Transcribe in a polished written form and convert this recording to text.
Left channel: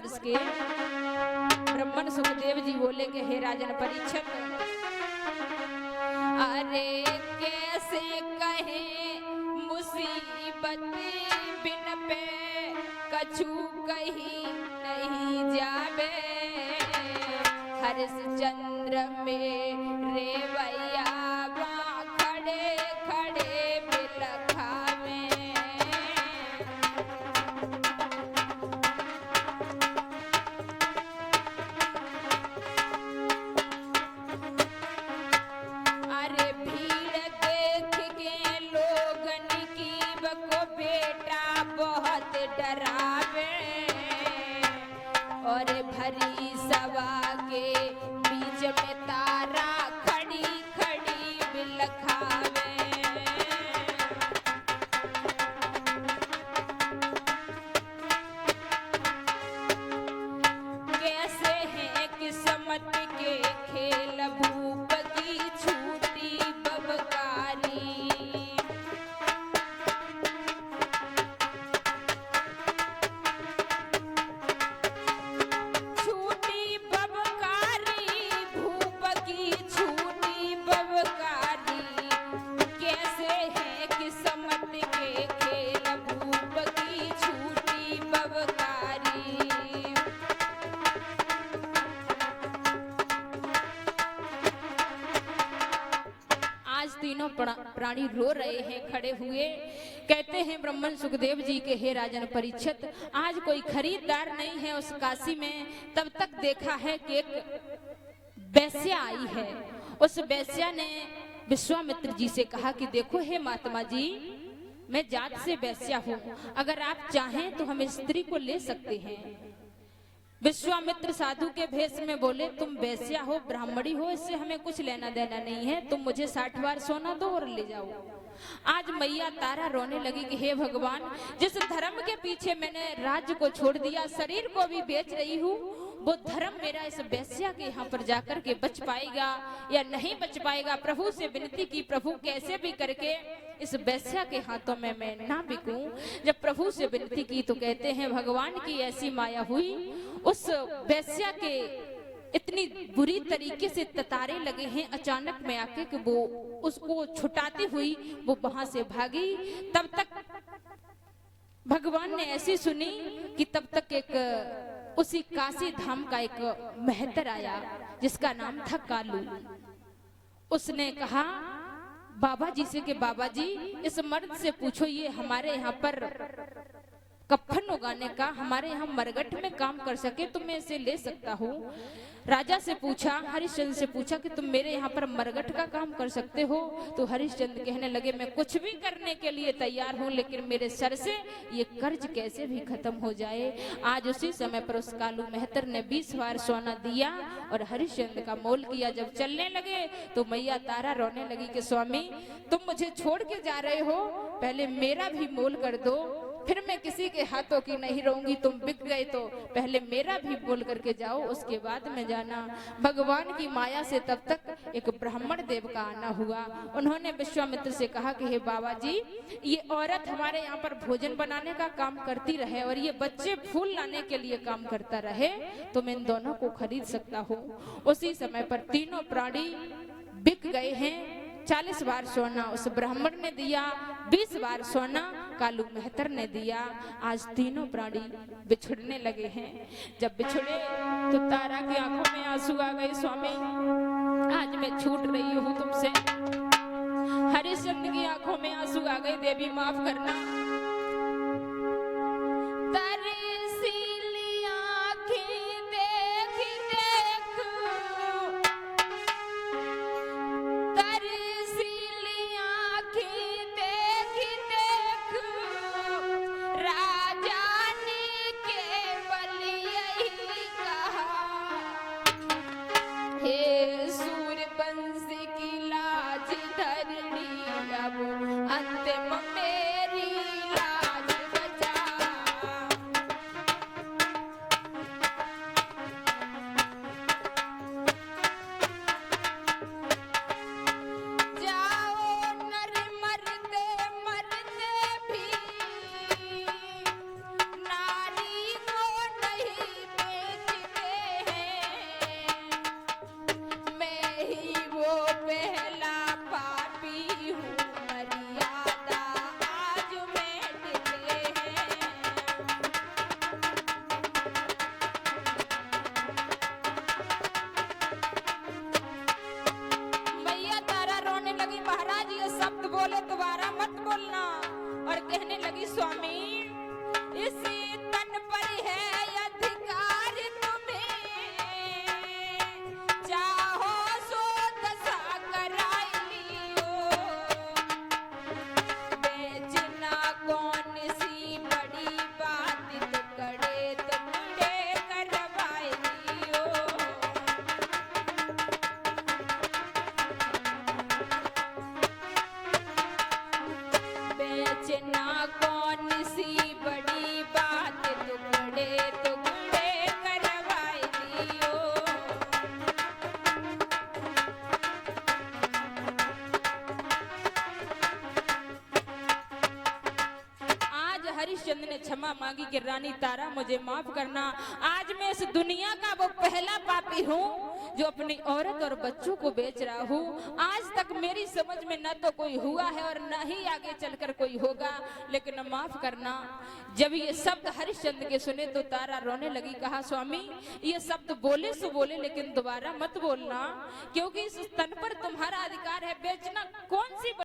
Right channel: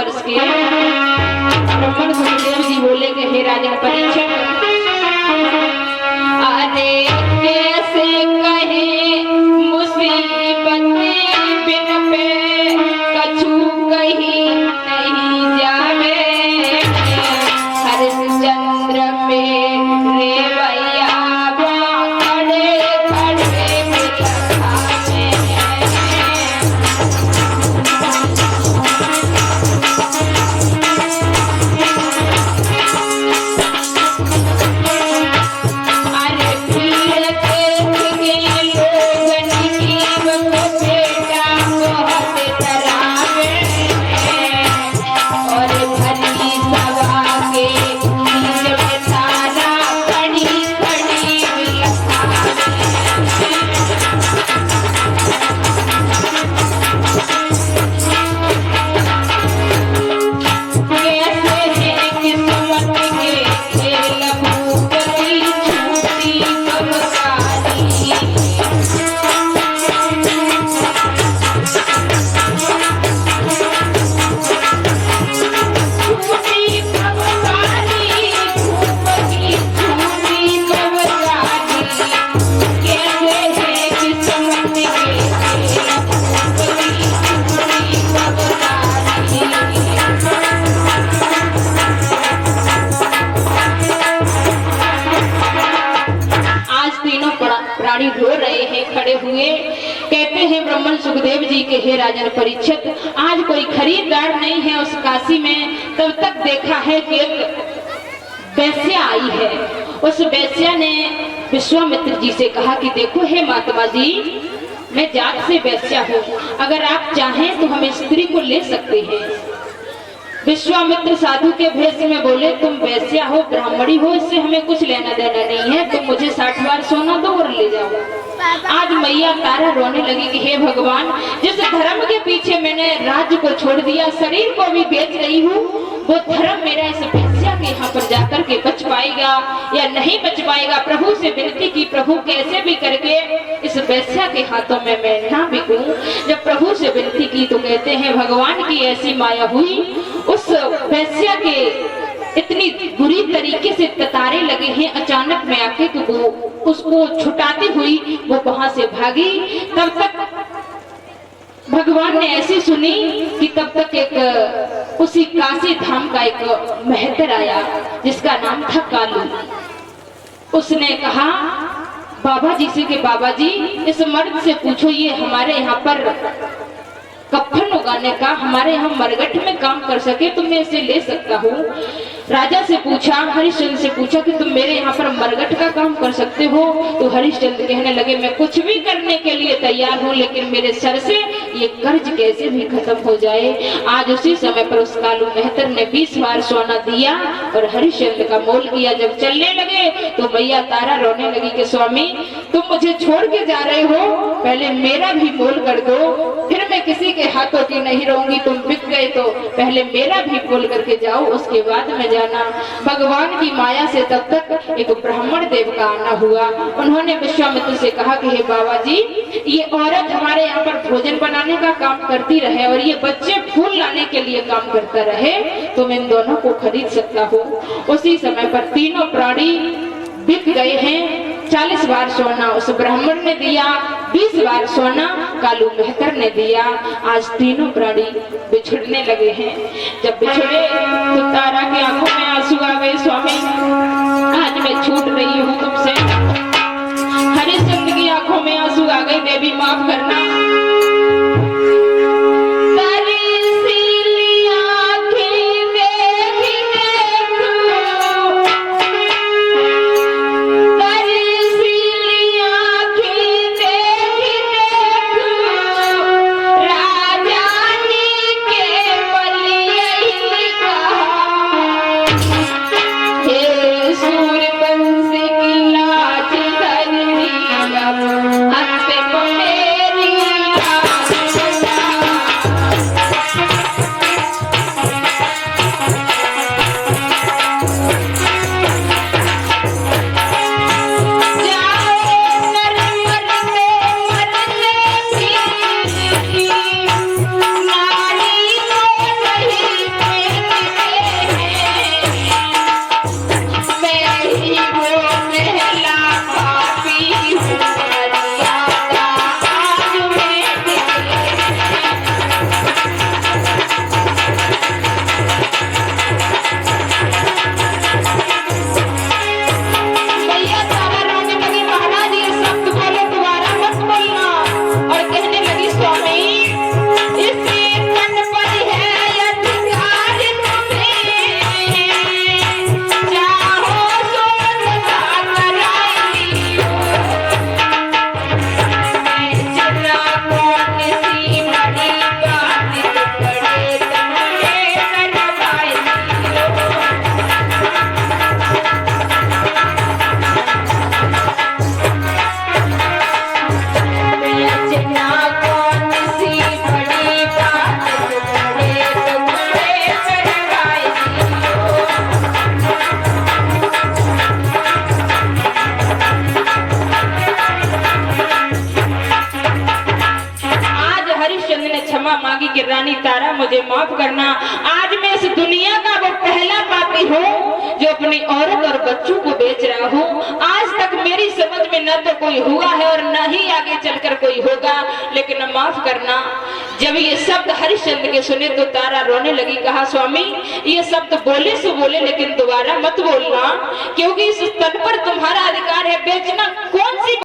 वर्ष के ब्राह्मण सुखदेव जी बोले कि हे राजा परीक्षित, अरे कैसे कहे मुसीबत बिन पे कछु कहीं नहीं जावे, हरिश्चंद्र मेरे भैया खड़े खड़े मिठाने। अरे पीर के लोगन की वो बेटा बहुत डरावे, और भरी सभा के बीच में तारा खड़ी खड़ी बिलखावे। कैसे है किस्मत के खेल भूपति छूटी कबकारी, छूटी कबकारी भूपति छूटी कबकारी। कैसे है किस्मत के खेल भूपति छूटी कबकारी। आज तीनों प्राणी रो रहे हैं खड़े हुए, कहते हैं ब्राह्मण सुखदेव जी के हे राजन परीक्षित, आज कोई खरीदार नहीं है उस काशी में। तब तक देखा है कि एक वैश्या आई है। उस वैश्या ने विश्वामित्र जी से कहा कि देखो हे महात्मा जी, मैं जात से वैश्या हूँ, अगर आप चाहें तो हम स्त्री को ले सकते हैं। विश्वामित्र साधु के भेष में बोले, तुम वैश्या हो, ब्राह्मणी हो, इससे हमें कुछ लेना देना नहीं है, तुम मुझे 60 बार सोना दो और ले जाओ। आज मैया तारा रोने लगी कि हे भगवान, जिस धर्म के पीछे मैंने राज्य को छोड़ दिया, शरीर को भी बेच रही हूँ, वो धर्म मेरा इस वैश्या के यहाँ पर जाकर के बच पाएगा या नहीं बच पाएगा। प्रभु से विनती की, प्रभु कैसे भी करके इस वैश्या के हाथों में मैं ना बिकूं। जब प्रभु से विनती की तो कहते हैं भगवान की ऐसी माया हुई, उस वैश्या के इतनी बुरी तरीके से कतारे लगे हैं अचानक में आके, तो वो उसको छुटाती हुई वो वहां से भागी। तब तक भगवान ने ऐसी सुनी कि तब तक एक उसी काशी धाम का एक महतर आया जिसका नाम था कालू। उसने कहा बाबा जी से कि बाबा जी, इस मर्द से पूछो ये हमारे यहाँ पर कफन उगाने का, हमारे यहाँ मरघट में काम कर सके तो मैं इसे ले सकता हूँ। राजा से पूछा, हरिश्चंद्र से पूछा कि तुम मेरे यहाँ पर मरघट का काम कर सकते हो? तो हरिश्चंद्र कहने लगे मैं कुछ भी करने के लिए तैयार हूँ, लेकिन मेरे सर से ये कर्ज कैसे भी खत्म हो जाए। आज उसी समय पर उस कालू मेहतर ने 20 बार सोना दिया और हरिश्चंद्र का मोल किया। जब चलने लगे तो मैया तारा रोने लगी कि स्वामी, तुम मुझे छोड़ के जा रहे हो, पहले मेरा भी मोल कर दो, फिर मैं किसी के हाथों की नहीं रहूंगी। तुम बिक गए तो पहले मेरा भी मोल करके जाओ, उसके बाद में जाना। भगवान की माया से तब तक एक ब्राह्मण देव का आना हुआ। उन्होंने विश्वामित्र से कहा कि हे बाबा जी, ये औरत हमारे यहाँ पर भोजन बनाने का काम करती रहे और ये बच्चे फूल लाने के लिए काम करता रहे, तो मैं इन दोनों को खरीद सकता हूँ। उसी समय पर तीनों प्राणी बिक गए हैं। 40 बार सोना उस ब्राह्मण ने दिया, 20 बार सोना कालू मेहतर ने दिया। आज तीनों प्राणी बिछड़ने लगे हैं। जब बिछड़े तो तारा की आंखों में आंसू आ गए, स्वामी आज मैं छूट रही हूँ तुमसे। हरिश्चंद्र की आंखों में आंसू आ गए, देवी माफ करना। अंत में मेरी कि रानी तारा मुझे माफ करना, आज मैं इस दुनिया का वो पहला पापी हूँ जो अपनी औरत और बच्चों को बेच रहा हूँ। आज तक मेरी समझ में न तो कोई हुआ है और न ही आगे चलकर कोई होगा, लेकिन माफ करना। जब ये शब्द हरिश्चंद्र के सुने तो तारा रोने लगी। कहा स्वामी ये शब्द बोले सो बोले लेकिन दोबारा मत बोलना, क्योंकि इस तन पर तुम्हारा अधिकार है, बेचना कौन सी